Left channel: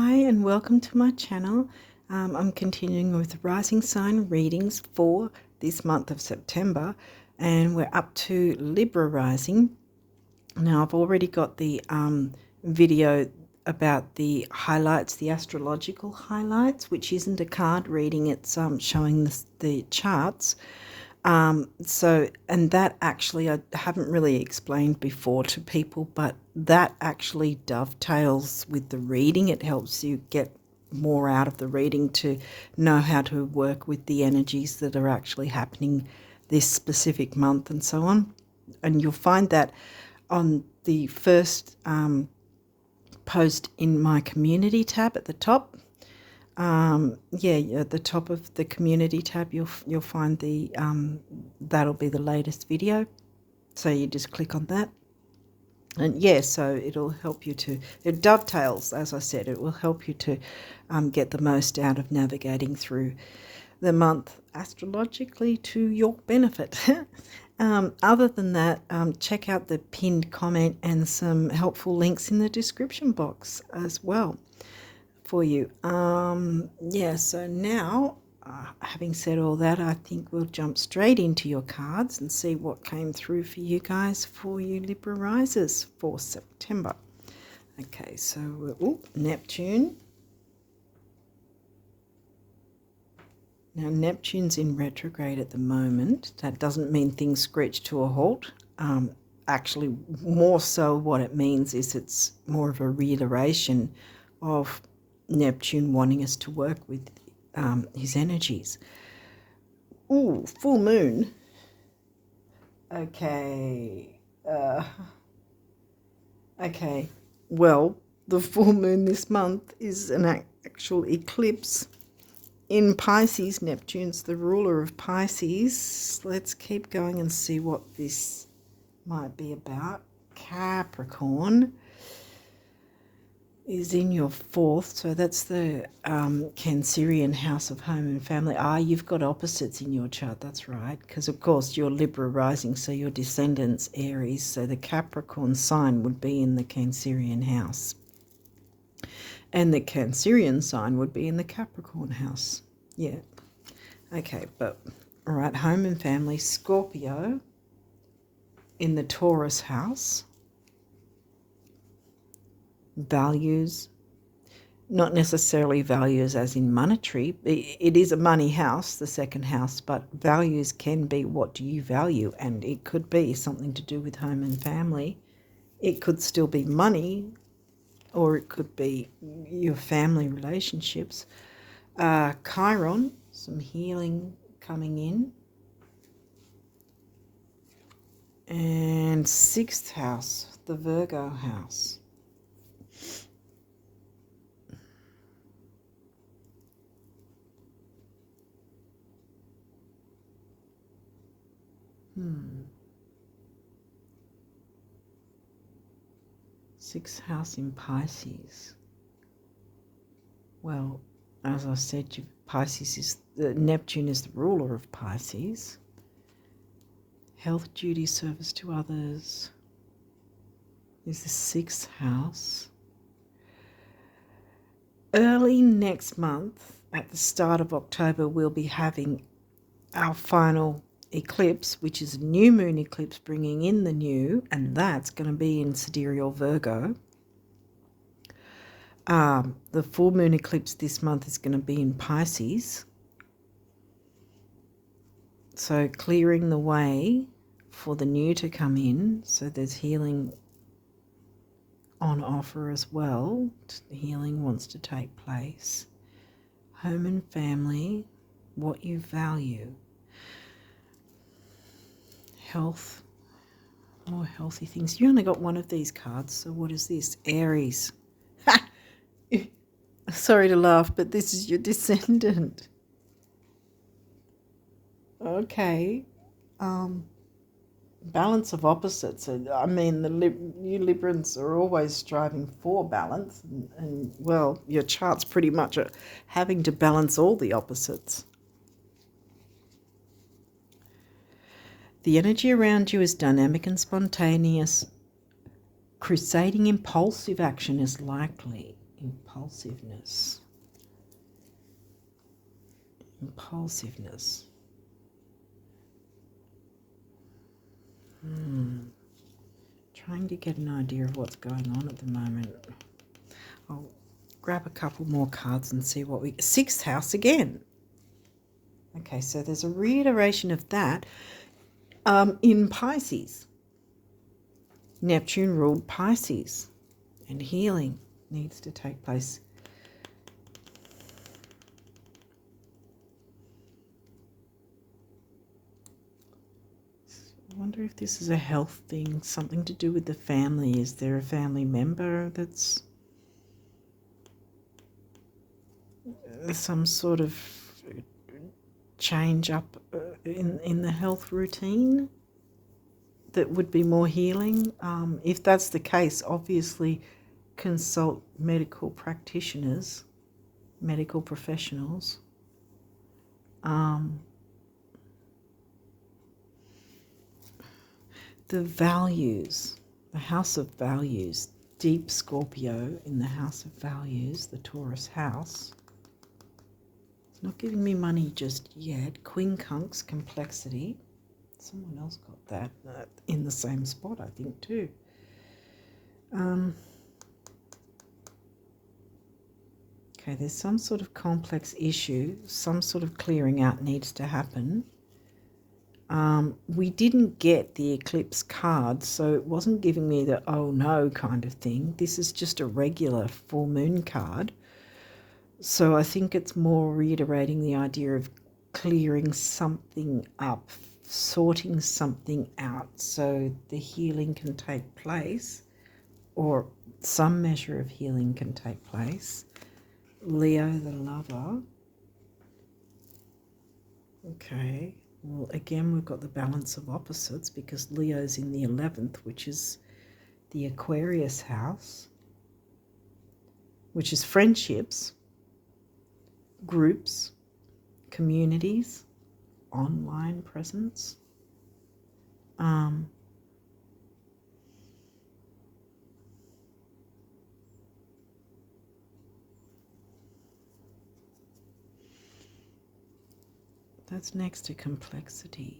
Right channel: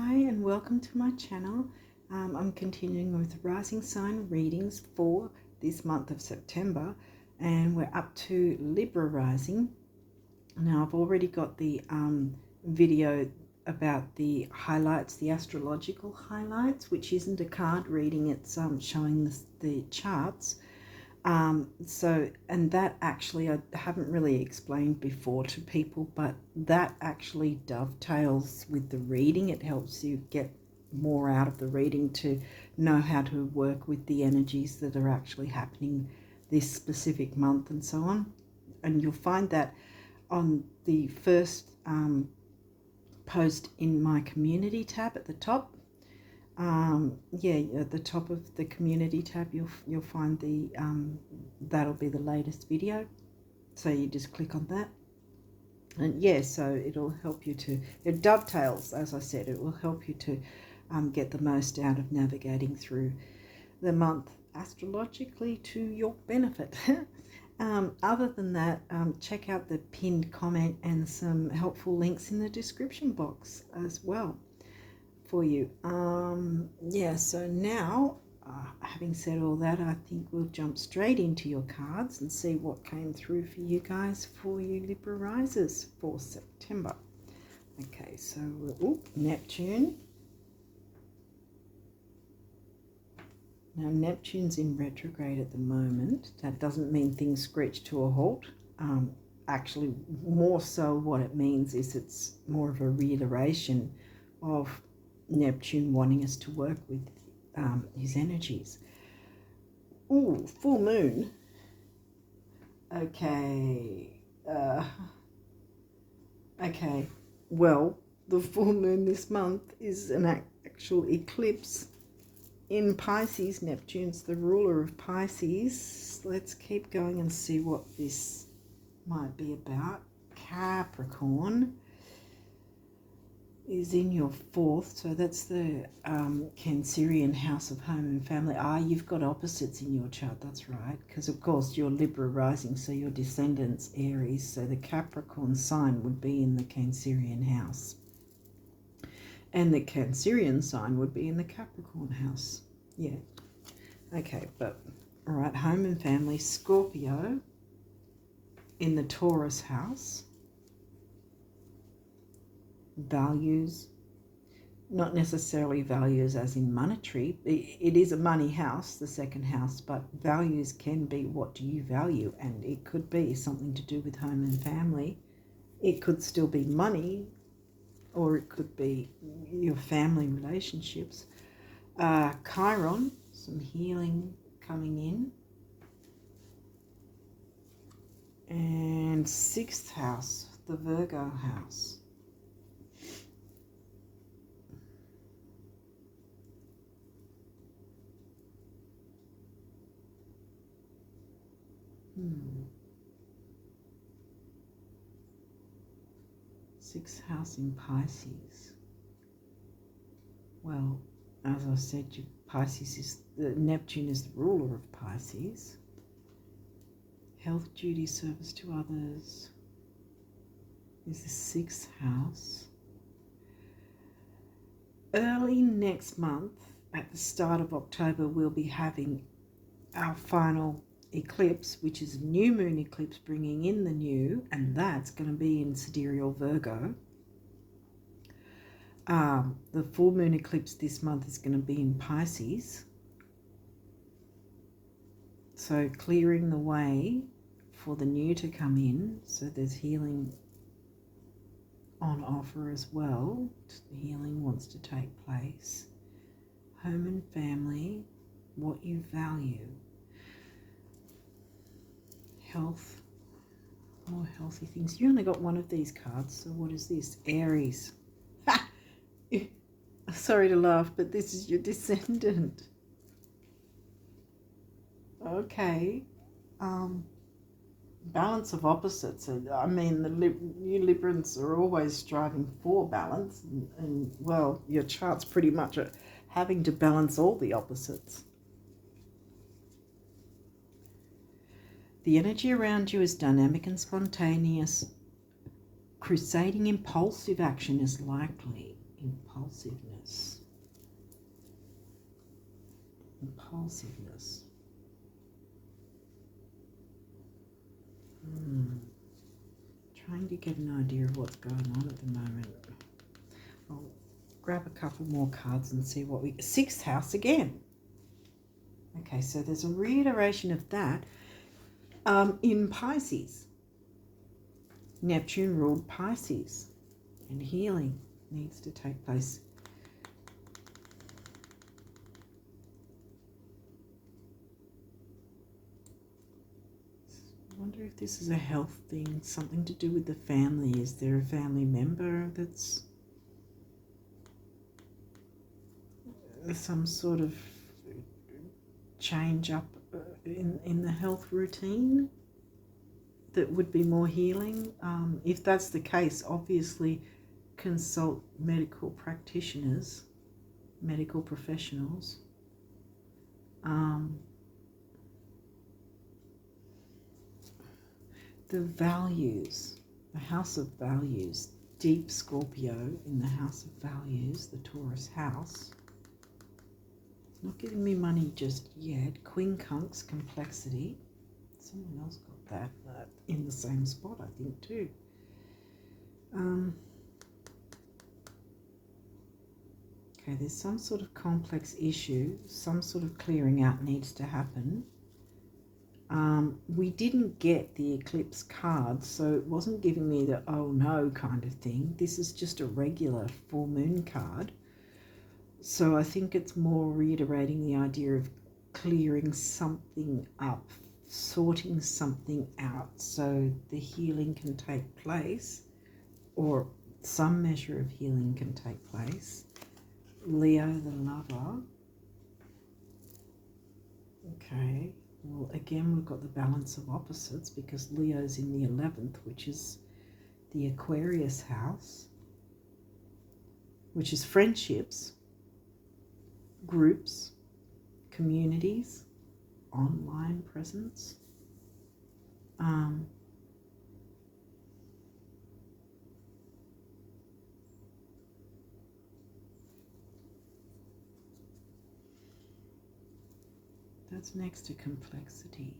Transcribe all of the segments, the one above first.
Hi and welcome to my channel. I'm continuing with rising sign readings for this month of September, and we're up to Libra rising. Now I've already got the video about the highlights, the astrological highlights, which isn't a card reading, it's showing the charts. And that actually I haven't really explained before to people, but that actually dovetails with the reading. It helps you get more out of the reading to know how to work with the energies that are actually happening this specific month and so on. And you'll find that on the first post in my community tab at the top. At the top of the community tab you'll find the that'll be the latest video, so you just click on that, and so it'll help you to, it dovetails, as I said, it will help you to get the most out of navigating through the month astrologically to your benefit. Other than that, check out the pinned comment and some helpful links in the description box as well for you. So now, having said all that, I think we'll jump straight into your cards and see what came through for you guys, for you Libra risers for September. Okay, so Neptune. Now Neptune's in retrograde at the moment. That doesn't mean things screech to a halt. Actually, more so what it means is it's more of a reiteration of Neptune wanting us to work with his energies. Full moon. Okay. Well, the full moon this month is an actual eclipse in Pisces. Neptune's the ruler of Pisces. Let's keep going and see what this might be about. Capricorn is in your fourth, so that's the Cancerian house of home and family. You've got opposites in your chart, that's right, because of course you're Libra rising, so your descendants Aries, so the Capricorn sign would be in the Cancerian house, and the Cancerian sign would be in the Capricorn house. Okay, but all right, home and family, Scorpio in the Taurus house. Values, not necessarily values as in monetary. It is a money house, the second house, but values can be, what do you value? And it could be something to do with home and family. It could still be money, or it could be your family relationships. Chiron, some healing coming in. And sixth house, the Virgo house. Sixth house in Pisces. Well, as I said, Neptune is the ruler of Pisces. Health, duty, service to others is the sixth house. Early next month, at the start of October, we'll be having our final eclipse, which is a new moon eclipse bringing in the new, and that's going to be in sidereal Virgo. The full moon eclipse this month is going to be in Pisces, so clearing the way for the new to come in. So there's healing on offer as well. Healing wants to take place. Home and family, what you value. Health, more healthy things. You only got one of these cards, so what is this? Aries. Sorry to laugh, but this is your descendant. Okay. Balance of opposites. I mean, you Librans are always striving for balance, and well, your chart's pretty much having to balance all the opposites. The energy around you is dynamic and spontaneous. Crusading impulsive action is likely. impulsiveness. Impulsiveness. Trying to get an idea of what's going on at the moment. I'll grab a couple more cards and see what we... 6th house again. Okay, so there's a reiteration of that in Pisces. Neptune ruled Pisces, and healing needs to take place. I wonder if this is a health thing, something to do with the family. Is there a family member that's some sort of change up in the health routine that would be more healing? If that's the case, obviously consult medical practitioners, medical professionals. The values, the house of values, deep Scorpio in the house of values, the Taurus house. It's not giving me money just yet. Quincunx, complexity. Someone else got that in the same spot, I think, too. Okay, there's some sort of complex issue, some sort of clearing out needs to happen. We didn't get the eclipse card, so it wasn't giving me the oh no kind of thing. This is just a regular full moon card. So I think it's more reiterating the idea of clearing something up, sorting something out so the healing can take place, or some measure of healing can take place. Leo the lover. Okay. Well, again, we've got the balance of opposites because Leo's in the 11th, which is the Aquarius house, which is friendships, groups, communities, online presence. That's next to complexity.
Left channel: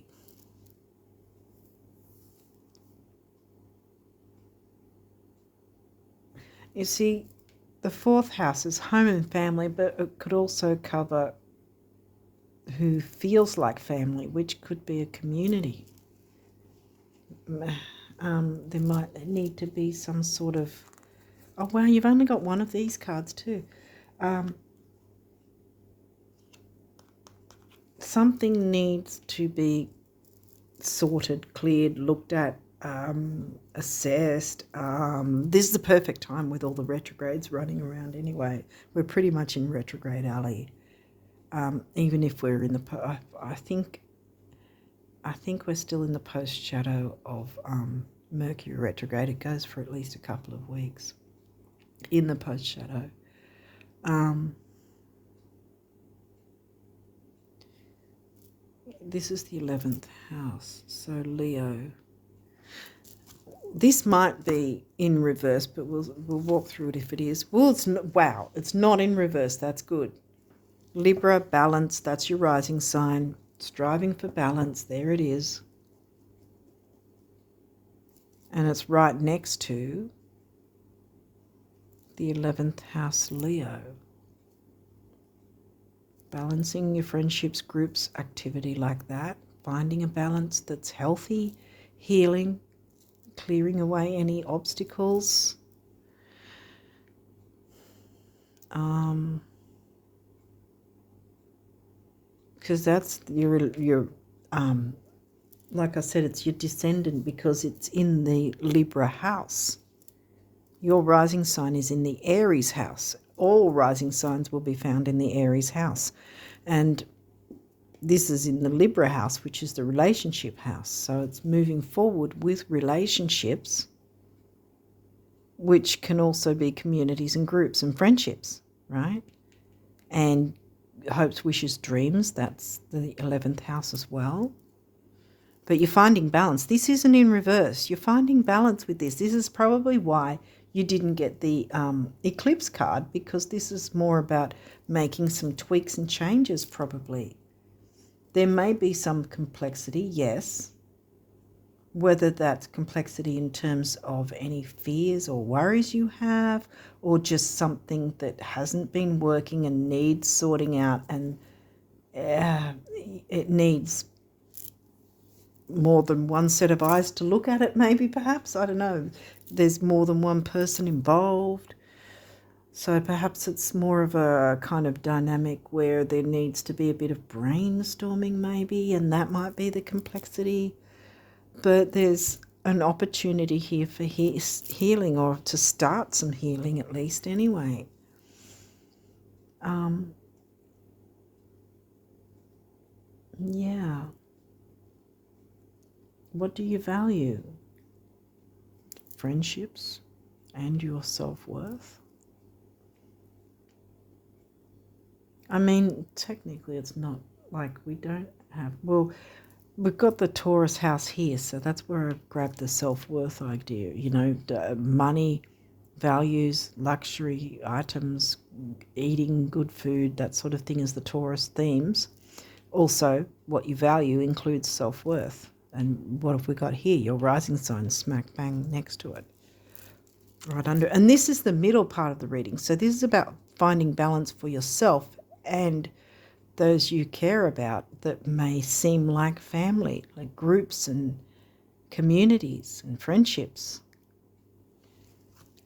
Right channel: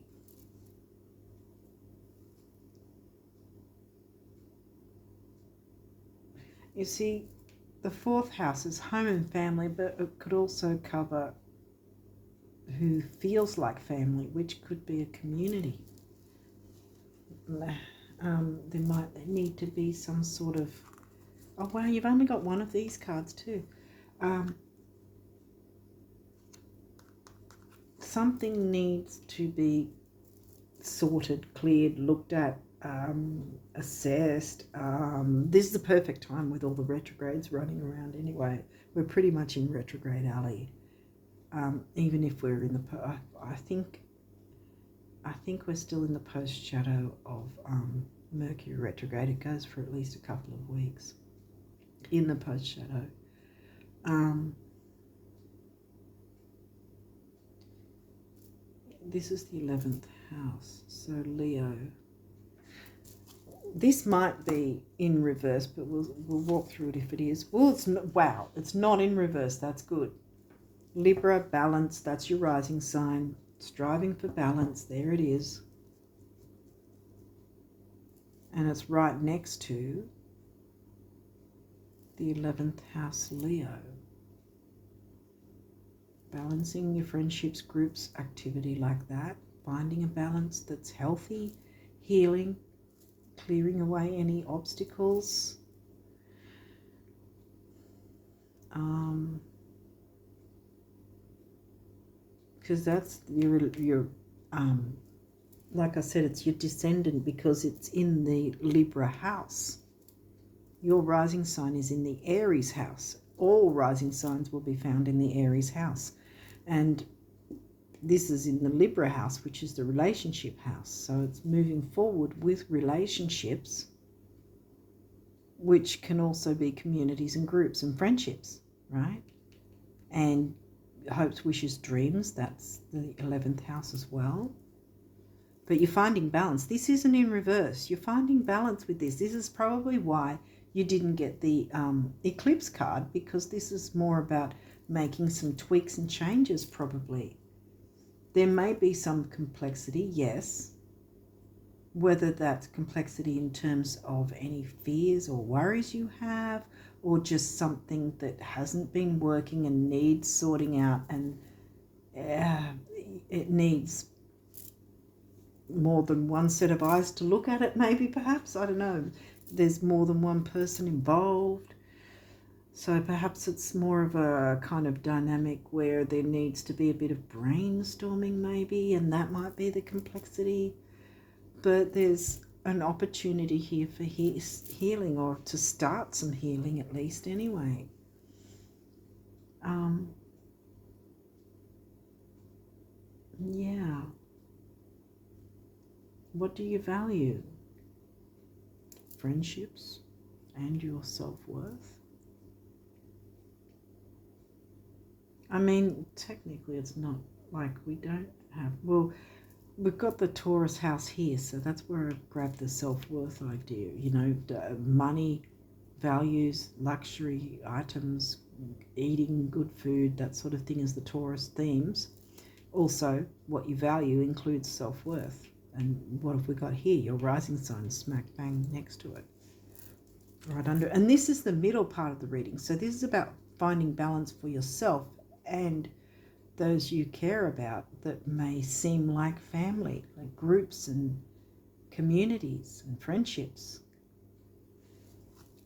You see, the 4th house is home and family, but it could also cover who feels like family, which could be a community. There might need to be some sort of... Oh, wow, you've only got one of these cards too. Something needs to be sorted, cleared, looked at, assessed. This is the perfect time with all the retrogrades running around anyway. We're pretty much in retrograde alley. Even if we're in the... I think we're still in the post-shadow of Mercury retrograde. It goes for at least a couple of weeks in the post-shadow. This is the 11th house, so Leo. This might be in reverse, but we'll walk through it if it is. Well, it's not, wow, it's not in reverse. That's good. Libra, balance, that's your rising sign. Striving for balance, there it is. And it's right next to the 11th house, Leo. Balancing your friendships, groups, activity like that. Finding a balance that's healthy, healing, clearing away any obstacles. Because that's your like I said, it's your descendant because it's in the Libra house. Your rising sign is in the Aries house. All rising signs will be found in the Aries house. And this is in the Libra house, which is the relationship house. So it's moving forward with relationships, which can also be communities and groups and friendships, right? And hopes, wishes, dreams, that's the 11th house as well. But you're finding balance. This isn't in reverse. You're finding balance with this. This is probably why you didn't get the eclipse card because this is more about making some tweaks and changes probably. There may be some complexity, yes. Whether that's complexity in terms of any fears or worries you have, or just something that hasn't been working and needs sorting out, and it needs more than one set of eyes to look at it, maybe, perhaps. I don't know. There's more than one person involved. So perhaps it's more of a kind of dynamic where there needs to be a bit of brainstorming maybe, and that might be the complexity. But there's an opportunity here for healing, or to start some healing at least anyway. Yeah. What do you value? Friendships and your self-worth? I mean, technically it's not like we don't have... Well, we've got the Taurus house here, so that's where I grabbed the self-worth idea. You know, money, values, luxury items, eating good food, that sort of thing is the Taurus themes. Also, what you value includes self-worth. And what have we got here? Your rising sign smack bang next to it. Right under. And this is the middle part of the reading. So this is about finding balance for yourself and those you care about that may seem like family, like groups and communities and friendships.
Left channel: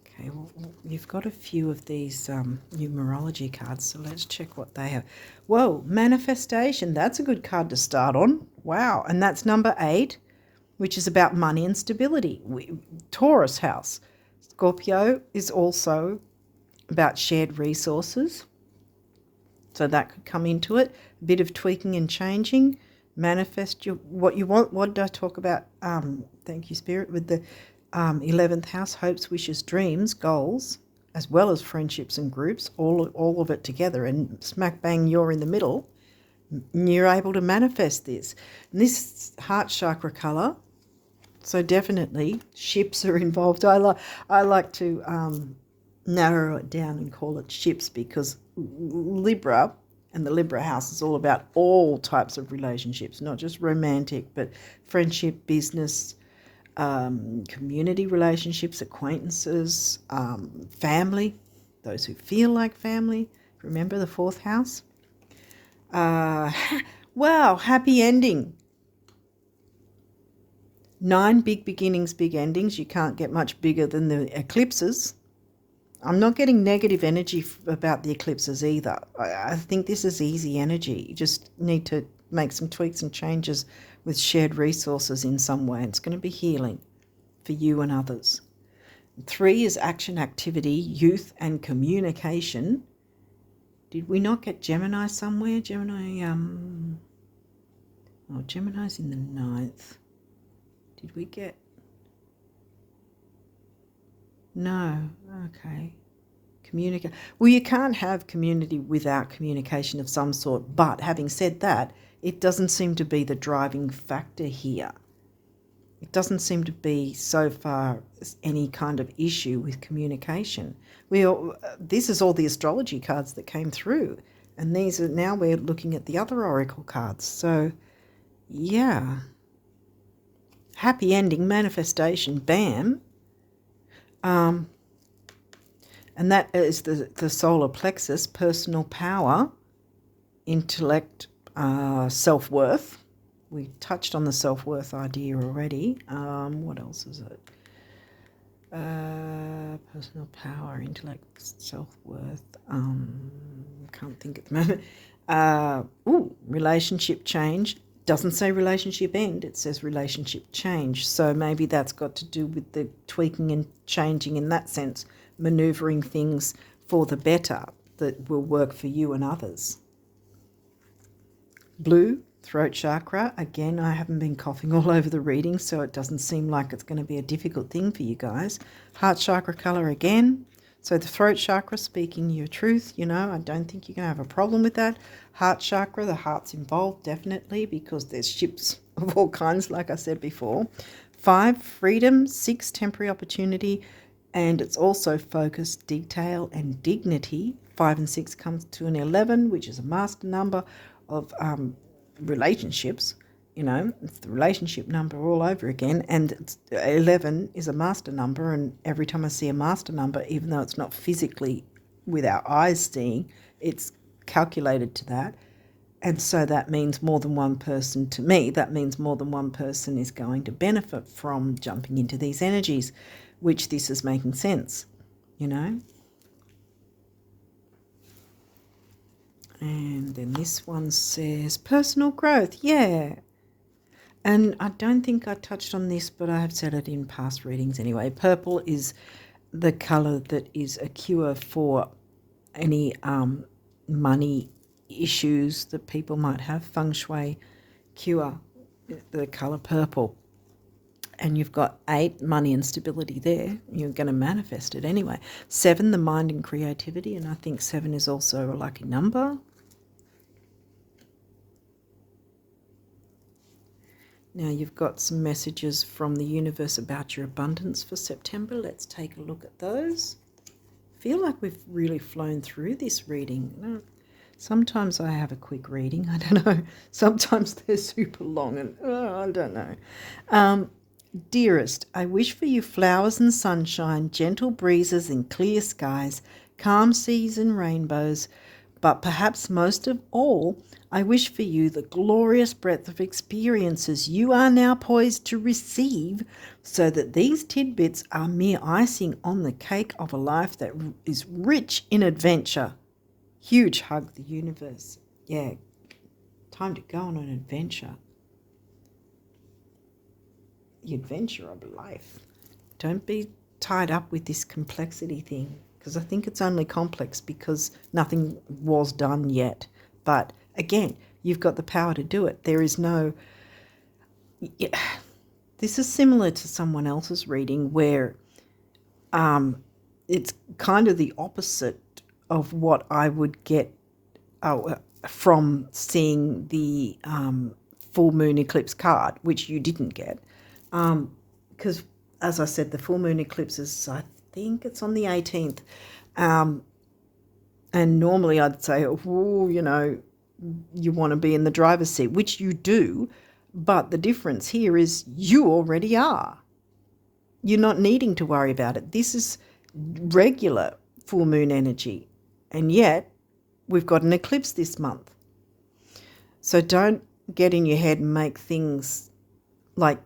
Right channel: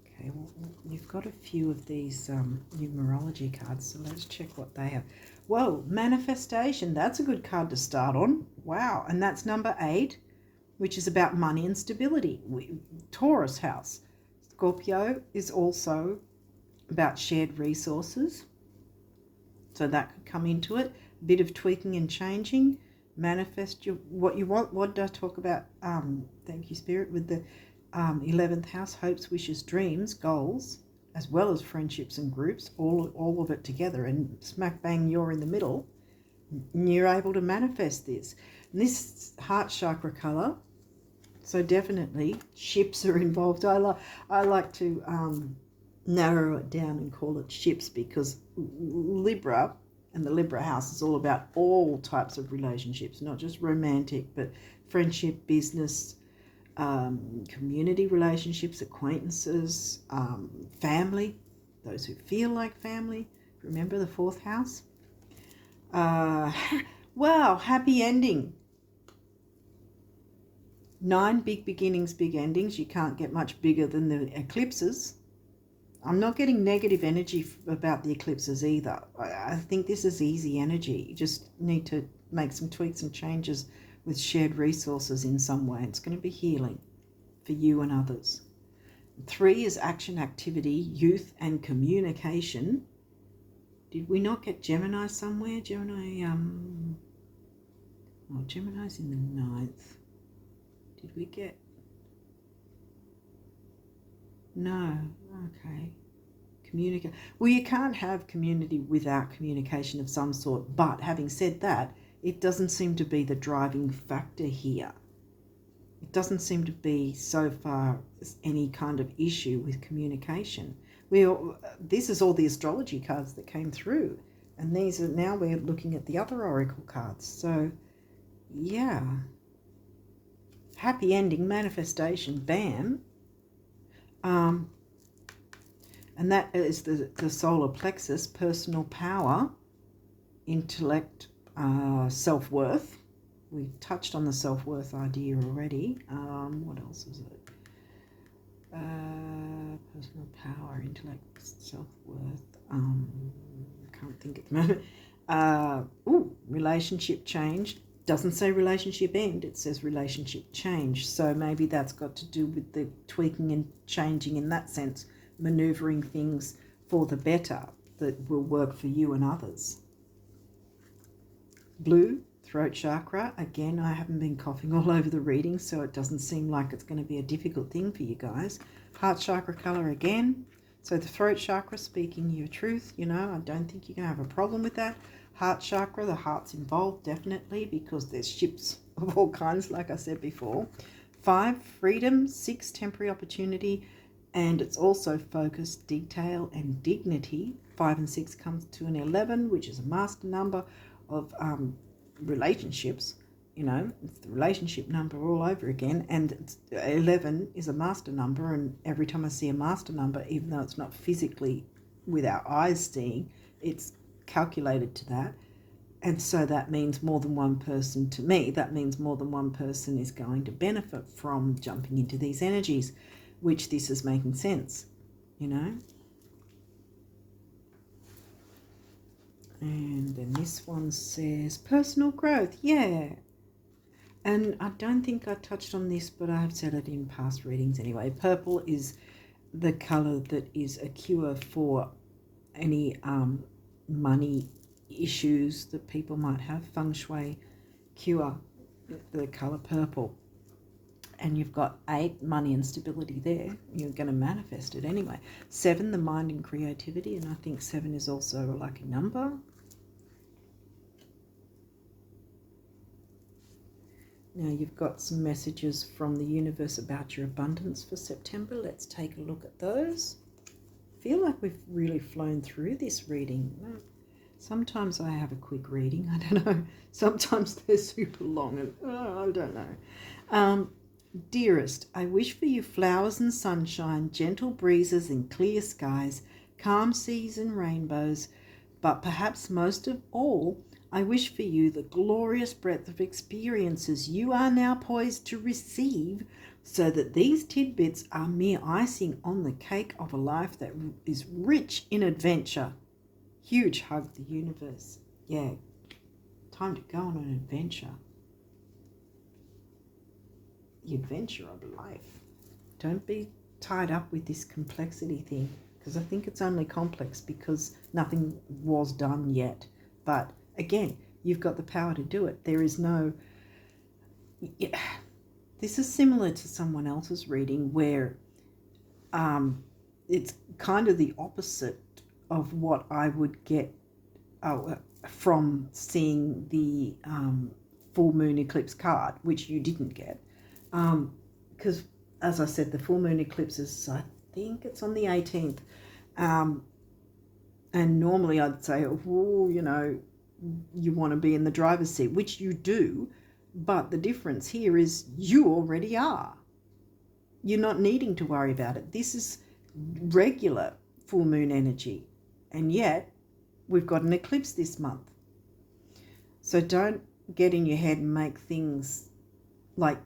Okay, well, you've got a few of these numerology cards, so let's check what they have. Whoa, manifestation. That's a good card to start on. Wow, and that's number 8, which is about money and stability. Taurus house. Scorpio is also about shared resources. So that could come into it. A bit of tweaking and changing. Manifest what you want. What did I talk about? Thank you, Spirit, with the 11th house, hopes, wishes, dreams, goals, as well as friendships and groups, all of it together. And smack bang, you're in the middle. You're able to manifest this. And this heart chakra colour, so definitely ships are involved. I like to narrow it down and call it ships, because Libra and the Libra house is all about all types of relationships, not just romantic, but friendship, business, community relationships, acquaintances, family, those who feel like family. Remember the 4th house? Wow, happy ending. 9 big beginnings, big endings. You can't get much bigger than the eclipses. I'm not getting negative energy about the eclipses either. I think this is easy energy. You just need to make some tweaks and changes with shared resources in some way. It's going to be healing for you and others. 3 is action, activity, youth, and communication. Did we not get Gemini somewhere? Gemini's in the 9th. Did we get... No, okay. Communicate. Well, you can't have community without communication of some sort, but having said that, it doesn't seem to be the driving factor here. It doesn't seem to be so far any kind of issue with communication. This is all the astrology cards that came through, and these are now we're looking at the other oracle cards. So, yeah. Happy ending, manifestation, bam. And that is the solar plexus, personal power, intellect, self-worth. We touched on the self-worth idea already. What else is it? Personal power, intellect, self-worth. Can't think at the moment. Relationship change. Doesn't say relationship end, it says relationship change. So maybe that's got to do with the tweaking and changing in that sense, maneuvering things for the better that will work for you and others. Blue, throat chakra. Again, I haven't been coughing all over the reading, so it doesn't seem like it's going to be a difficult thing for you guys. Heart chakra color again. So the throat chakra, speaking your truth, I don't think you're going to have a problem with that. Heart chakra, the heart's involved definitely, because there's ships of all kinds, like I said before. 5, freedom. 6, temporary opportunity. And it's also focus, detail, and dignity. 5 and 6 comes to an 11, which is a master number of relationships. You know, it's the relationship number all over again. And 11 is a master number. And every time I see a master number, even though it's not physically with our eyes seeing, it's calculated to that. And so that means more than one person, to me, that means more than one person is going to benefit from jumping into these energies, which this is making sense, you know. And then this one says personal growth, yeah. And I don't think I touched on this, but I have said it in past readings anyway. Purple is the colour that is a cure for any money issues that people might have. Feng Shui cure, the colour purple. And you've got 8, money and stability there. You're going to manifest it anyway. 7, the mind and creativity. And I think 7 is also a lucky number. Now you've got some messages from the universe about your abundance for September. Let's take a look at those. I feel like we've really flown through this reading. Sometimes I have a quick reading. I don't know. Sometimes they're super long and I don't know. Dearest, I wish for you flowers and sunshine, gentle breezes and clear skies, calm seas and rainbows, but perhaps most of all, I wish for you the glorious breadth of experiences you are now poised to receive, so that these tidbits are mere icing on the cake of a life that is rich in adventure. Huge hug, the universe. Yeah, time to go on an adventure. The adventure of life. Don't be tied up with this complexity thing, because I think it's only complex because nothing was done yet. But again, you've got the power to do it. There is no... This is similar to someone else's reading where it's kind of the opposite of what I would get from seeing the full moon eclipse card, which you didn't get. Because, as I said, the full moon eclipse is, I think it's on the 18th. And normally I'd say, oh, you know, you want to be in the driver's seat, which you do. But the difference here is you already are. You're not needing to worry about it. This is regular full moon energy. And yet we've got an eclipse this month. So don't get in your head and make things like,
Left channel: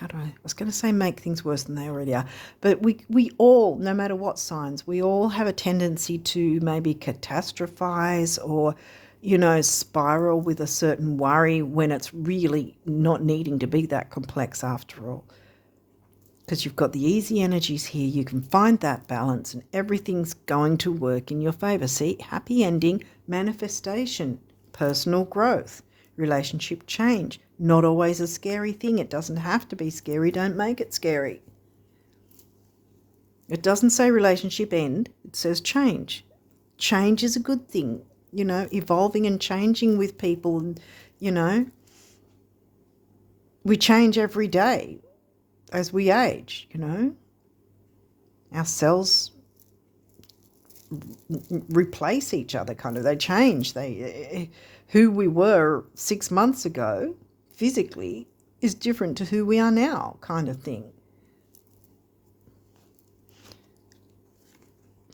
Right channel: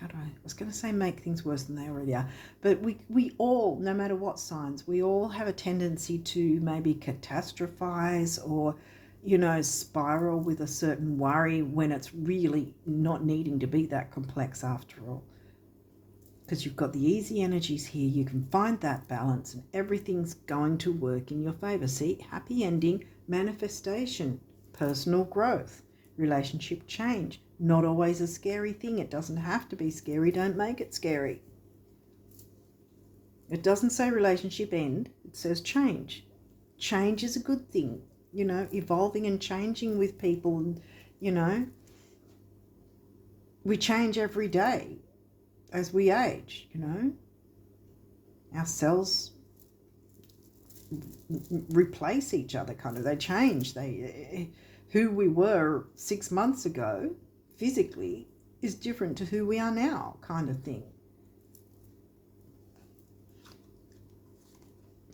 I was going to say make things worse than they already are. But we all, no matter what signs, we all have a tendency to maybe catastrophize or, you know, spiral with a certain worry when it's really not needing to be that complex after all. Because you've got the easy energies here, you can find that balance and everything's going to work in your favor. See, happy ending, manifestation, personal growth, relationship change. Not always a scary thing. It doesn't have to be scary. Don't make it scary. It doesn't say relationship end. It says change. Change is a good thing. You know, evolving and changing with people. And, you know, we change every day as we age, you know. Our cells replace each other, kind of. They change. Who we were 6 months ago physically is different to who we are now, kind of thing.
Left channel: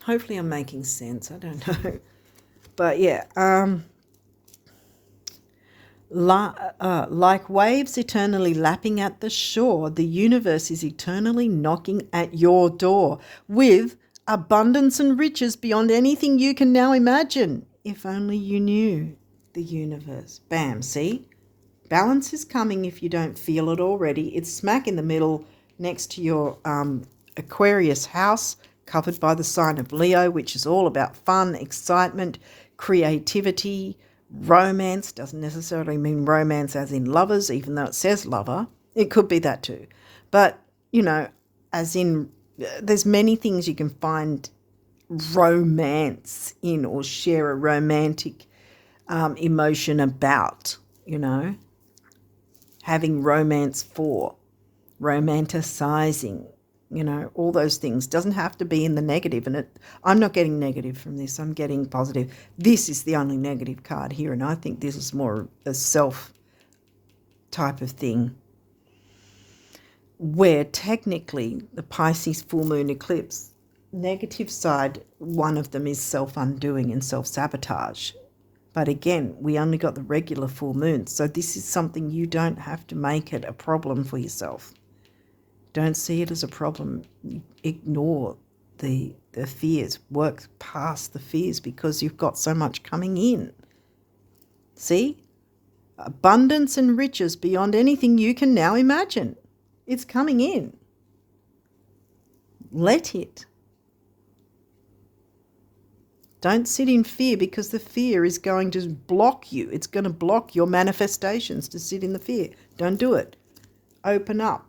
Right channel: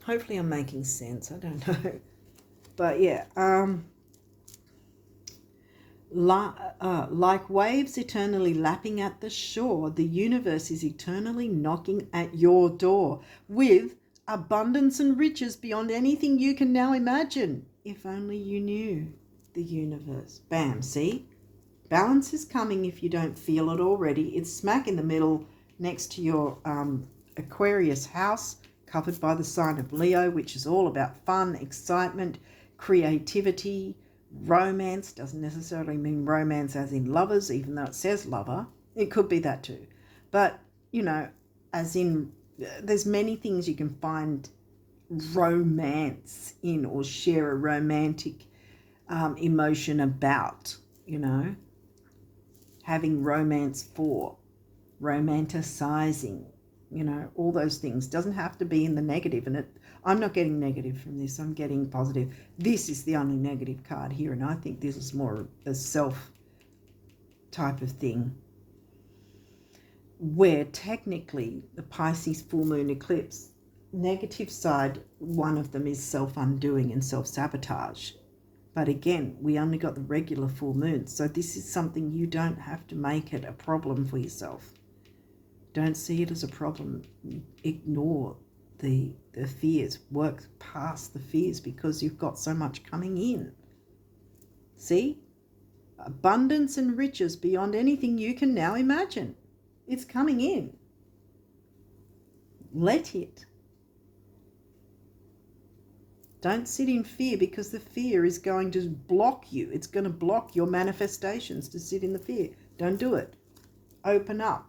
Hopefully I'm making sense. I don't know. But yeah, like waves eternally lapping at the shore, the universe is eternally knocking at your door with abundance and riches beyond anything you can now imagine. If only you knew the universe. Bam, see? Balance is coming if you don't feel it already. It's smack in the middle next to your Aquarius house, covered by the sign of Leo, which is all about fun, excitement, creativity, romance. Doesn't necessarily mean romance as in lovers, even though it says lover. It could be that too. But, you know, as in, there's many things you can find romance in or share a romantic emotion about, you know. Having romance for, romanticizing, all those things. Doesn't have to be in the negative. And I'm not getting negative from this. I'm getting positive. This is the only negative card here, and I think this is more a self type of thing, where technically the Pisces full moon eclipse, negative side, one of them is self-undoing and self-sabotage. But again, we only got the regular full moon, so this is something you don't have to make it a problem for yourself. Don't see it as a problem. Ignore the fears. Work past the fears because you've got so much coming in. See? Abundance and riches beyond anything you can now imagine. It's coming in. Let it. Don't sit in fear, because the fear is going to block you. It's going to block your manifestations to sit in the fear. Don't do it. Open up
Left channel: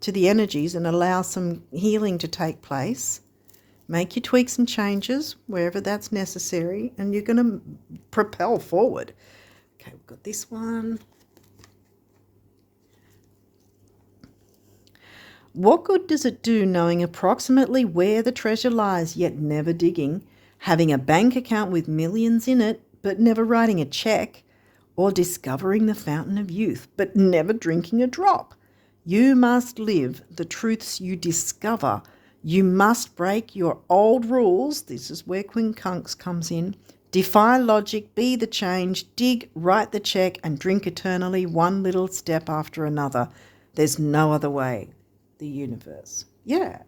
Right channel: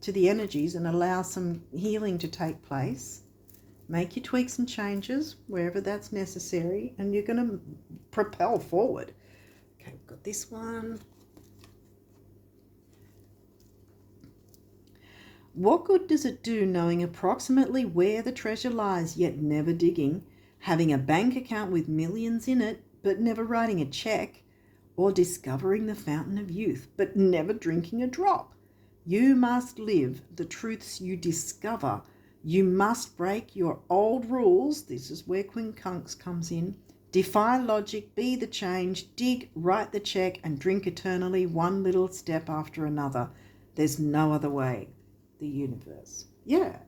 to the energies and allow some healing to take place. Make your tweaks and changes wherever that's necessary, and you're going to propel forward. Okay, we've got this one. What good does it do knowing approximately where the treasure lies, yet never digging, having a bank account with millions in it, but never writing a check, or discovering the fountain of youth, but never drinking a drop? You must live the truths you discover. You must break your old rules. This is where quincunx comes in. Defy logic, be the change, dig, write the check, and drink eternally, one little step after another. There's no other way. The universe. Yeah.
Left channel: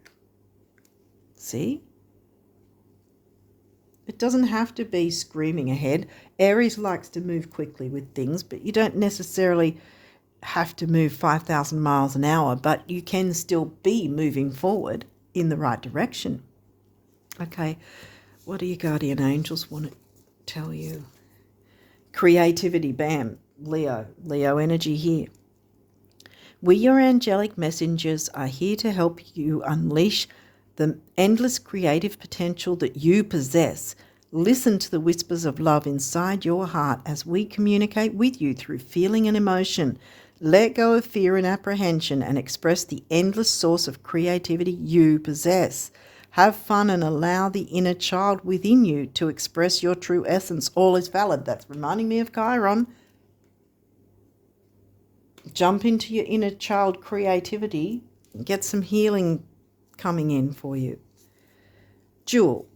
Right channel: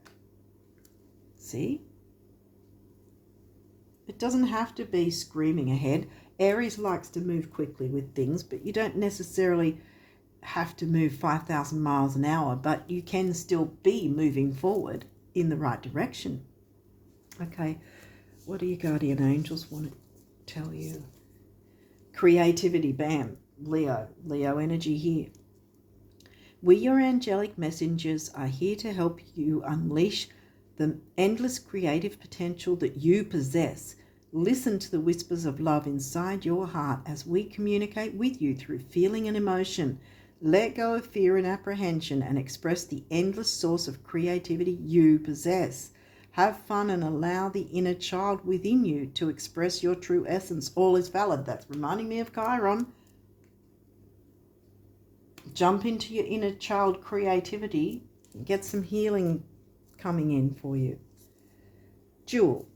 See? It doesn't have to be screaming ahead. Aries likes to move quickly with things, but you don't necessarily have to move 5,000 miles an hour, but you can still be moving forward in the right direction. Okay, what do your guardian angels want to tell you? Creativity, bam, Leo energy here. We, your angelic messengers, are here to help you unleash the endless creative potential that you possess. Listen to the whispers of love inside your heart as we communicate with you through feeling and emotion. Let go of fear and apprehension and express the endless source of creativity you possess. Have fun and allow the inner child within you to express your true essence. All is valid. That's reminding me of Chiron. Jump into your inner child creativity and get some healing coming in for you. Jewel.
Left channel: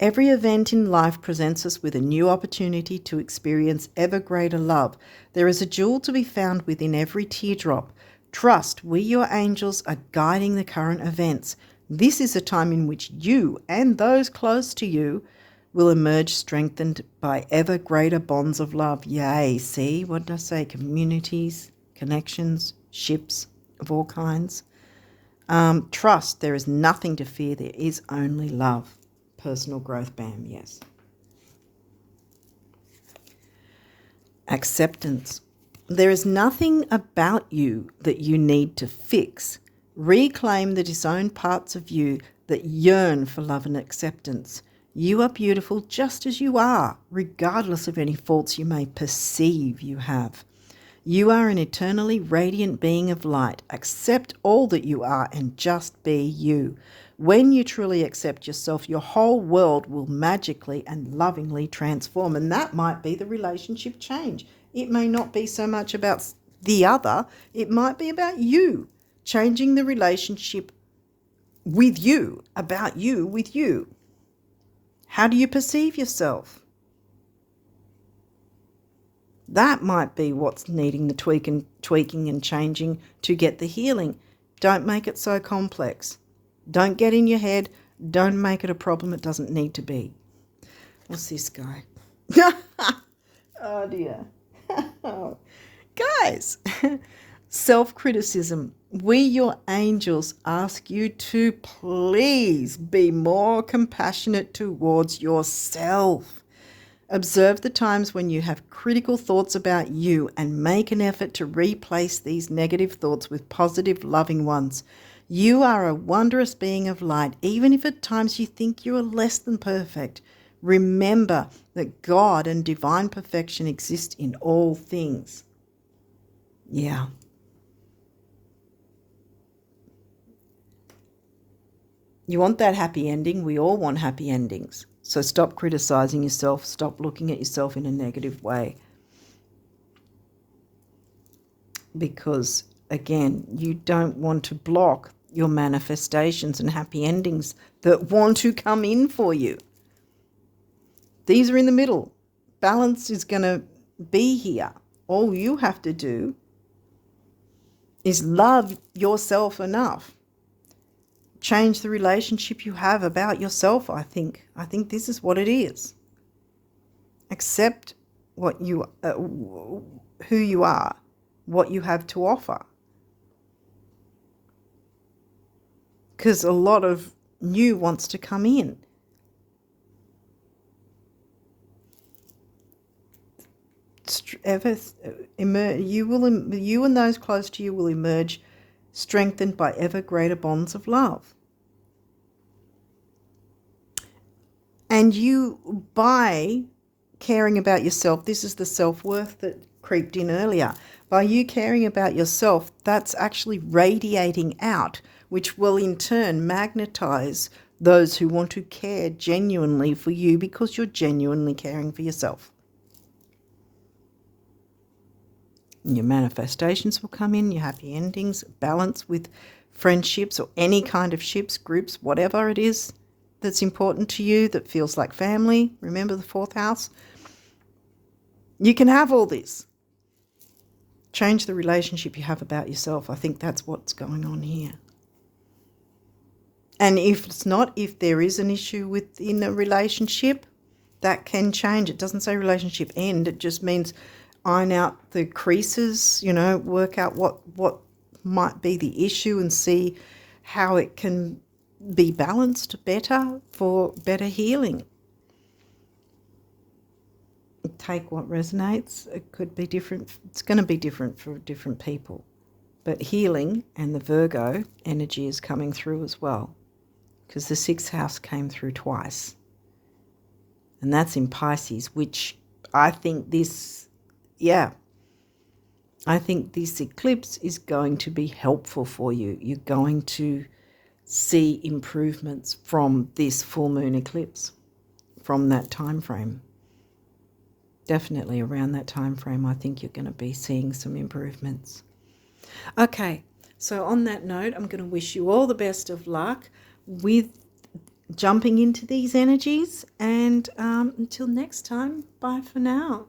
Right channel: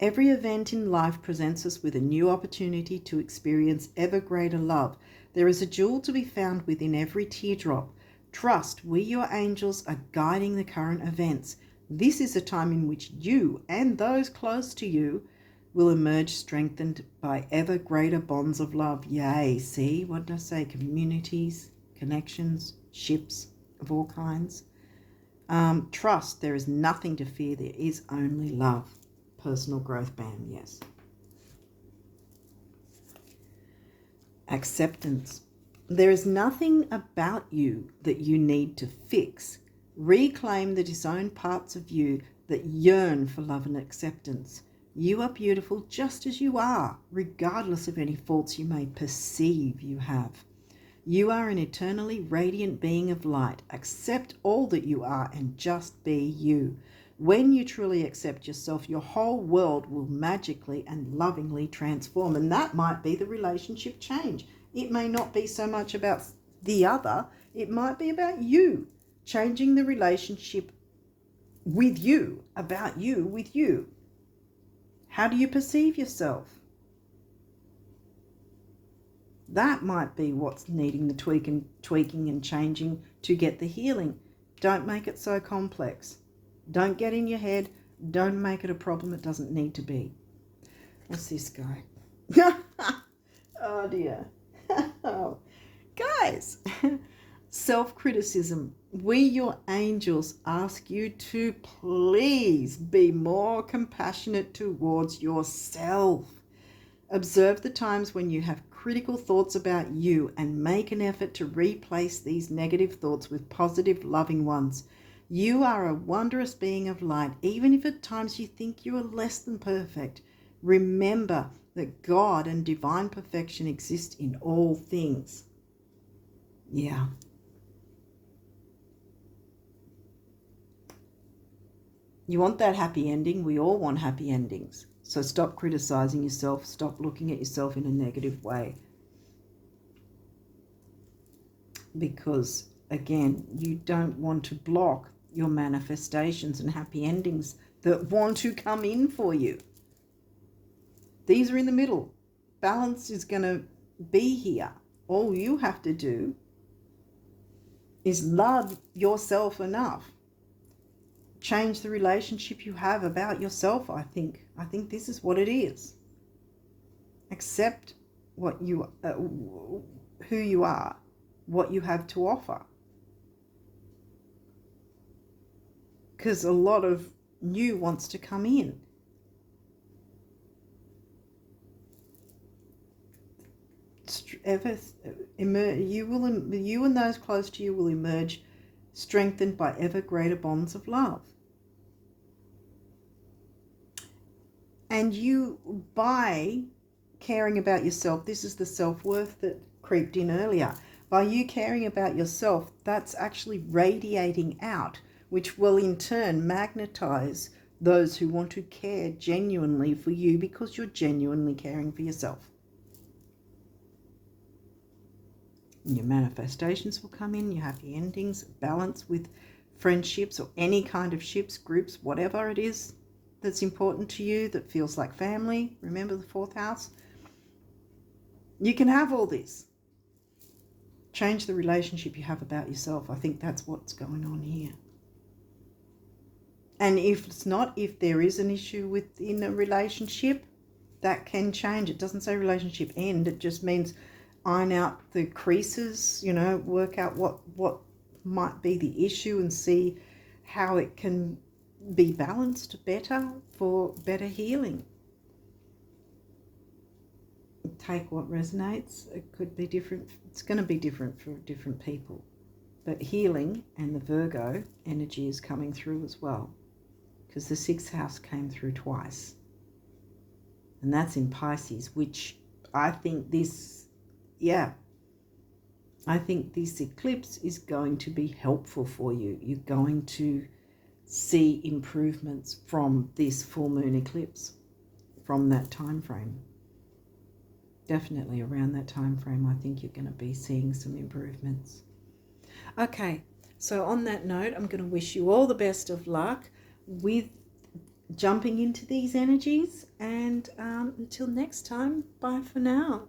Every event in life presents us with a new opportunity to experience ever greater love. There is a jewel to be found within every teardrop. Trust, we, your angels, are guiding the current events. This is a time in which you and those close to you will emerge strengthened by ever greater bonds of love. Yay, see, what did I say? Communities, connections, ships of all kinds. Trust, there is nothing to fear. There is only love. Personal growth, bam, yes. Acceptance. There is nothing about you that you need to fix. Reclaim the disowned parts of you that yearn for love and acceptance. You are beautiful just as you are, regardless of any faults you may perceive you have. You are an eternally radiant being of light. Accept all that you are and just be you. When you truly accept yourself, your whole world will magically and lovingly transform. And that might be the relationship change. It may not be so much about the other. It might be about you, changing the relationship with you, about you, with you. How do you perceive yourself? That might be what's needing the tweaking and changing to get the healing. Don't make it so complex. Don't get in your head. Don't make it a problem it doesn't need to be. What's this guy? Oh dear. Oh. Guys, self-criticism. We, your angels, ask you to please be more compassionate towards yourself. Observe the times when you have critical thoughts about you and make an effort to replace these negative thoughts with positive, loving ones. You are a wondrous being of light, even if at times you think you are less than perfect. Remember that God and divine perfection exist in all things. Yeah. You want that happy ending. We all want happy endings. So stop criticizing yourself. Stop looking at yourself in a negative way. Because, again, you don't want to block your manifestations and happy endings that want to come in for you. These are in the middle. Balance is going to be here. All you have to do is love yourself enough. Change the relationship you have about yourself, I think. I think this is what it is. Accept what you, who you are, what you have to offer. Because a lot of new wants to come in. You and those close to you will emerge strengthened by ever greater bonds of love. And you, by caring about yourself, this is the self-worth that creeped in earlier. By you caring about yourself, that's actually radiating out, which will in turn magnetize those who want to care genuinely for you because you're genuinely caring for yourself. And your manifestations will come in, your happy endings, balance with friendships or any kind of ships, groups, whatever it is that's important to you, that feels like family. Remember the 4th house? You can have all this. Change the relationship you have about yourself. I think that's what's going on here. And if it's not, if there is an issue within a relationship, that can change. It doesn't say relationship end. It just means iron out the creases, work out what might be the issue and see how it can be balanced better for better healing. Take what resonates. It could be different. It's going to be different for different people. But healing and the Virgo energy is coming through as well, because the 6th house came through twice. And that's in Pisces, which I think this eclipse is going to be helpful for you. You're going to see improvements from this full moon eclipse, from that time frame. Definitely around that time frame, I think you're going to be seeing some improvements. Okay, so on that note, I'm going to wish you all the best of luck with jumping into these energies, and until next time, bye for now.